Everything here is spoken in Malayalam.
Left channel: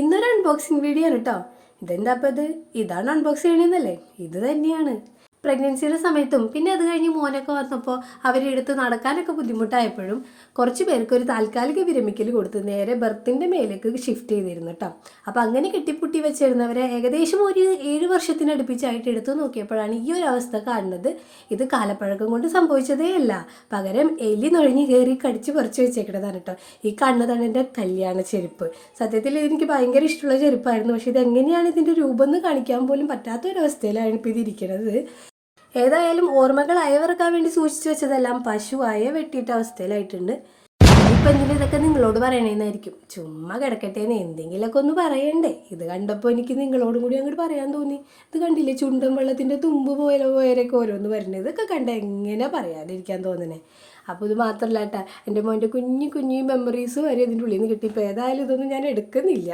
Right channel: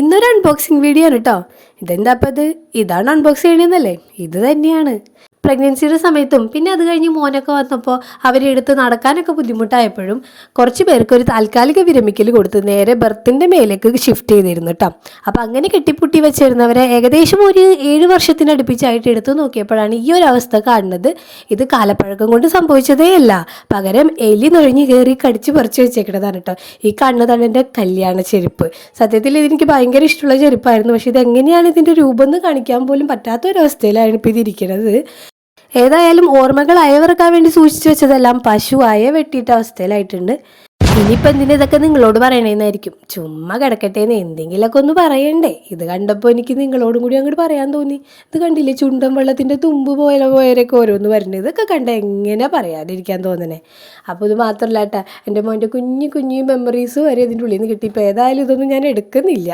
ഇന്നൊരു അൺബോക്സിങ് വീഡിയോ ആണ് കേട്ടോ. ഇതെന്താ അപ്പം ഇതാണ് അൺബോക്സ് ചെയ്യണമെന്നല്ലേ? ഇത് തന്നെയാണ്. പ്രഗ്നൻസിയുടെ സമയത്തും പിന്നെ അത് കഴിഞ്ഞ് മോനൊക്കെ വന്നപ്പോൾ അവരെടുത്ത് നടക്കാനൊക്കെ ബുദ്ധിമുട്ടായപ്പോഴും കുറച്ച് പേർക്ക് ഒരു താൽക്കാലിക വിരമിക്കൽ കൊടുത്ത് നേരെ ബർത്തിൻ്റെ മേലേക്ക് ഷിഫ്റ്റ് ചെയ്തിരുന്നു കേട്ടോ. അപ്പോൾ അങ്ങനെ കെട്ടിപ്പൂട്ടി വെച്ചിരുന്നവരെ ഏകദേശം ഒരു 7 വർഷത്തിനടുപ്പിച്ചായിട്ട് എടുത്തു നോക്കിയപ്പോഴാണ് ഈ ഒരു അവസ്ഥ കാണുന്നത്. ഇത് കാലപ്പഴക്കം കൊണ്ട് സംഭവിച്ചതേ അല്ല, പകരം എലി നുഴഞ്ഞു കയറി കടിച്ച് പറിച്ച് വെച്ചേക്കുന്നതാണ് കേട്ടോ. ഈ കാണുന്നതാണ് എൻ്റെ കല്യാണ ചെരുപ്പ്. സത്യത്തിൽ ഇതെനിക്ക് ഭയങ്കര ഇഷ്ടമുള്ള ചെരുപ്പായിരുന്നു. പക്ഷേ ഇതെങ്ങനെയാണ് ഇതിൻ്റെ രൂപം എന്ന് കാണിക്കാൻ പോലും പറ്റാത്തൊരവസ്ഥയിലാണ് ഇപ്പോൾ ഇതിരിക്കുന്നത്. ഏതായാലും ഓർമ്മകൾ അയവിറക്കാൻ വേണ്ടി സൂക്ഷിച്ചു വെച്ചതെല്ലാം പശുവായ വെട്ടിയിട്ട അവസ്ഥയിലായിട്ടുണ്ട്. ഇനിയിപ്പോൾ എന്തിനാ ഇതൊക്കെ നിങ്ങളോട് പറയണേന്നായിരിക്കും. ചുമ്മാ കിടക്കട്ടേന്ന് എന്തെങ്കിലുമൊക്കെ ഒന്ന് പറയണ്ടേ. ഇത് കണ്ടപ്പോൾ എനിക്ക് നിങ്ങളോടും കൂടി അങ്ങോട്ട് പറയാൻ തോന്നി. ഇത് കണ്ടില്ലേ, ചുണ്ടൻ വെള്ളത്തിൻ്റെ തുമ്പ് പോയവരൊക്കെ ഓരോന്ന് വരുന്നത്. ഇതൊക്കെ കണ്ട എങ്ങനെ പറയാതിരിക്കാൻ തോന്നണേ. അപ്പോൾ ഇത് മാത്രമല്ല കേട്ടോ, എൻ്റെ മോൻ്റെ കുഞ്ഞു കുഞ്ഞു മെമ്മറീസ് വരെ ഇതിൻ്റെ ഉള്ളിൽ നിന്ന് കിട്ടി. ഇപ്പോൾ ഏതായാലും ഇതൊന്നും ഞാൻ എടുക്കുന്നില്ല.